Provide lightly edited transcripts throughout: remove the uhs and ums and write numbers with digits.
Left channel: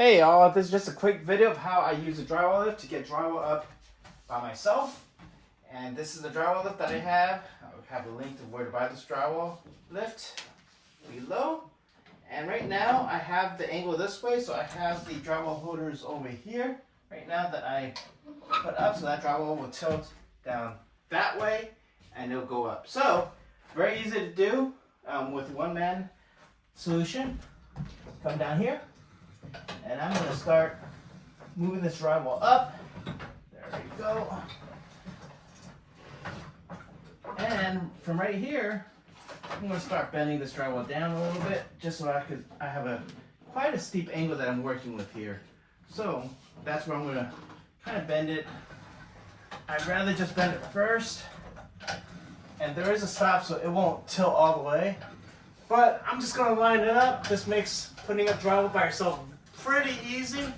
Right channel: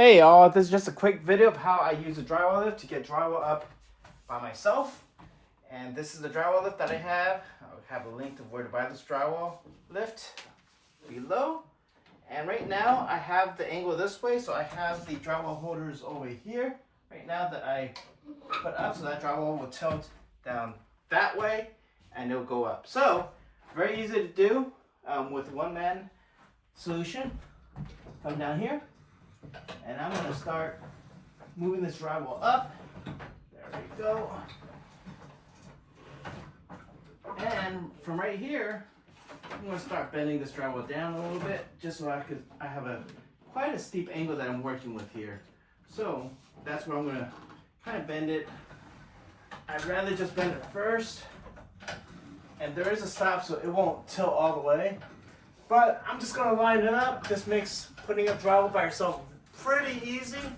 Hey y'all, this is just a quick video of how I use a drywall lift to get drywall up by myself. And this is the drywall lift that I have. I'll have a link to where to buy this drywall lift below. And right now I have the angle this way, so I have the drywall holders over here right now that I put up, so that drywall will tilt down that way and it'll go up. So very easy to do with one-man solution. Come down here. And I'm going to start moving this drywall up. There we go. And from right here, I'm going to start bending this drywall down a little bit, just so I have quite a steep angle that I'm working with here. So that's where I'm going to kind of bend it. I'd rather just bend it first. And there is a stop, so it won't tilt all the way. But I'm just going to line it up. This makes putting up drywall by yourself pretty easy,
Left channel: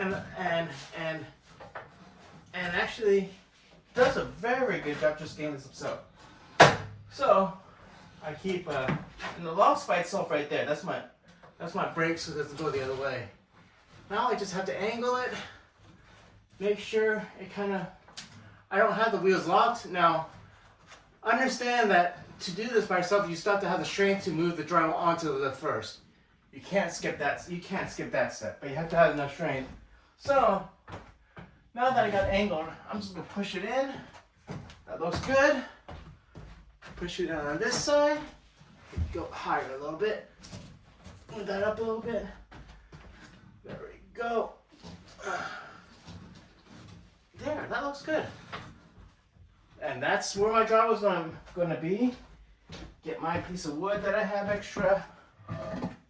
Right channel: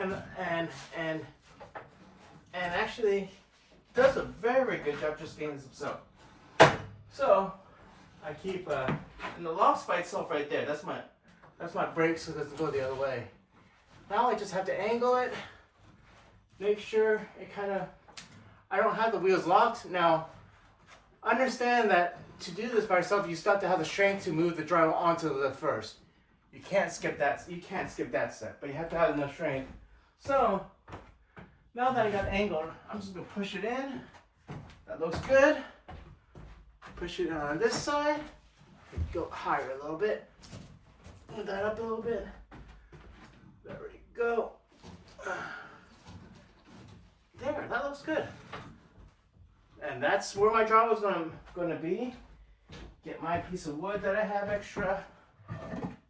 and actually does a very good job just getting this up. So I keep and the long spike itself right there. That's my brake, so it doesn't go the other way. Now I just have to angle it, make sure it I don't have the wheels locked. Now understand that to do this by yourself, you still have to have the strength to move the drywall onto the lift first. You can't skip that. You can't skip that step, but you have to have enough strength. So now that I got it angled, I'm just gonna push it in. That looks good. Push it on this side. Go higher a little bit. Move that up a little bit. There we go. There, that looks good. And that's where my drywall is gonna be. Get my piece of wood that I have extra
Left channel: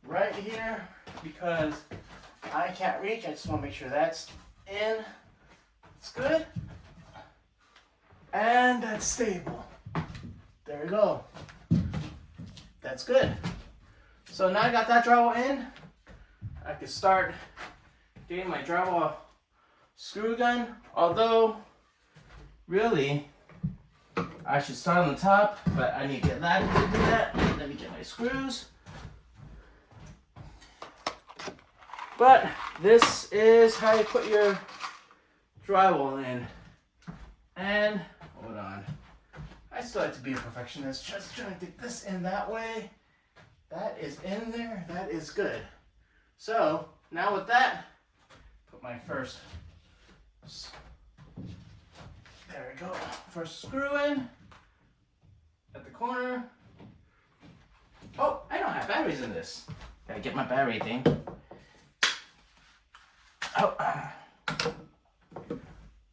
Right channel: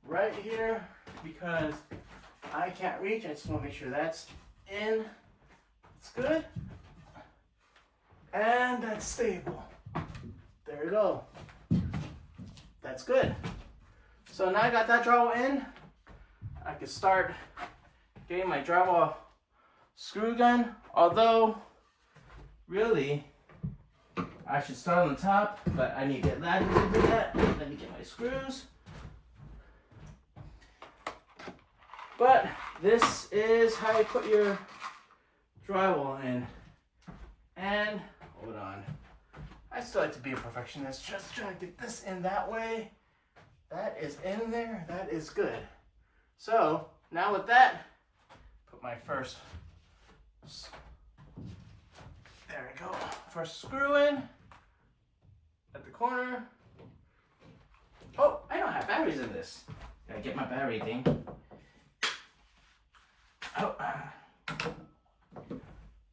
right here because I can't reach. I just want to make sure that's in. It's good. And that's stable. There we go. That's good. So now I got that drywall in. I can start getting my drywall screw gun. Although, really, I should start on the top, but I need to get Laddie to do that. Let me get my screws. But this is how you put your drywall in. And, hold on. I still like to be a perfectionist. Just trying to get this in that way. That is in there. That is good. So, now with that, put my first, there we go. First screw in at the corner. Oh, I don't have batteries in this. Gotta get my battery thing. Oh,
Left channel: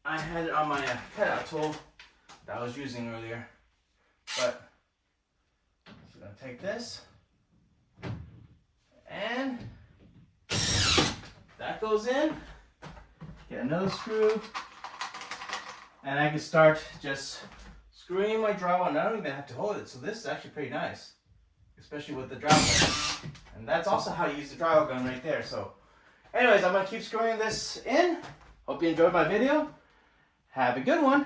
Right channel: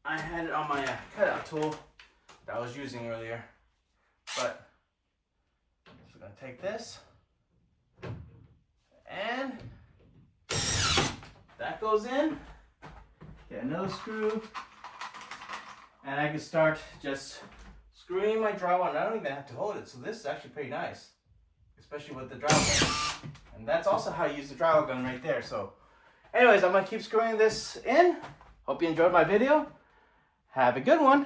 I had it on my cutout tool that I was using earlier, but I'm gonna take this and that goes in. Get another screw, and I can start just screwing my drywall. And I don't even have to hold it, so this is actually pretty nice, especially with the drywall. And that's also how you use the drywall gun right there. So anyways, I'm going to keep screwing this in. Hope you enjoyed my video. Have a good one.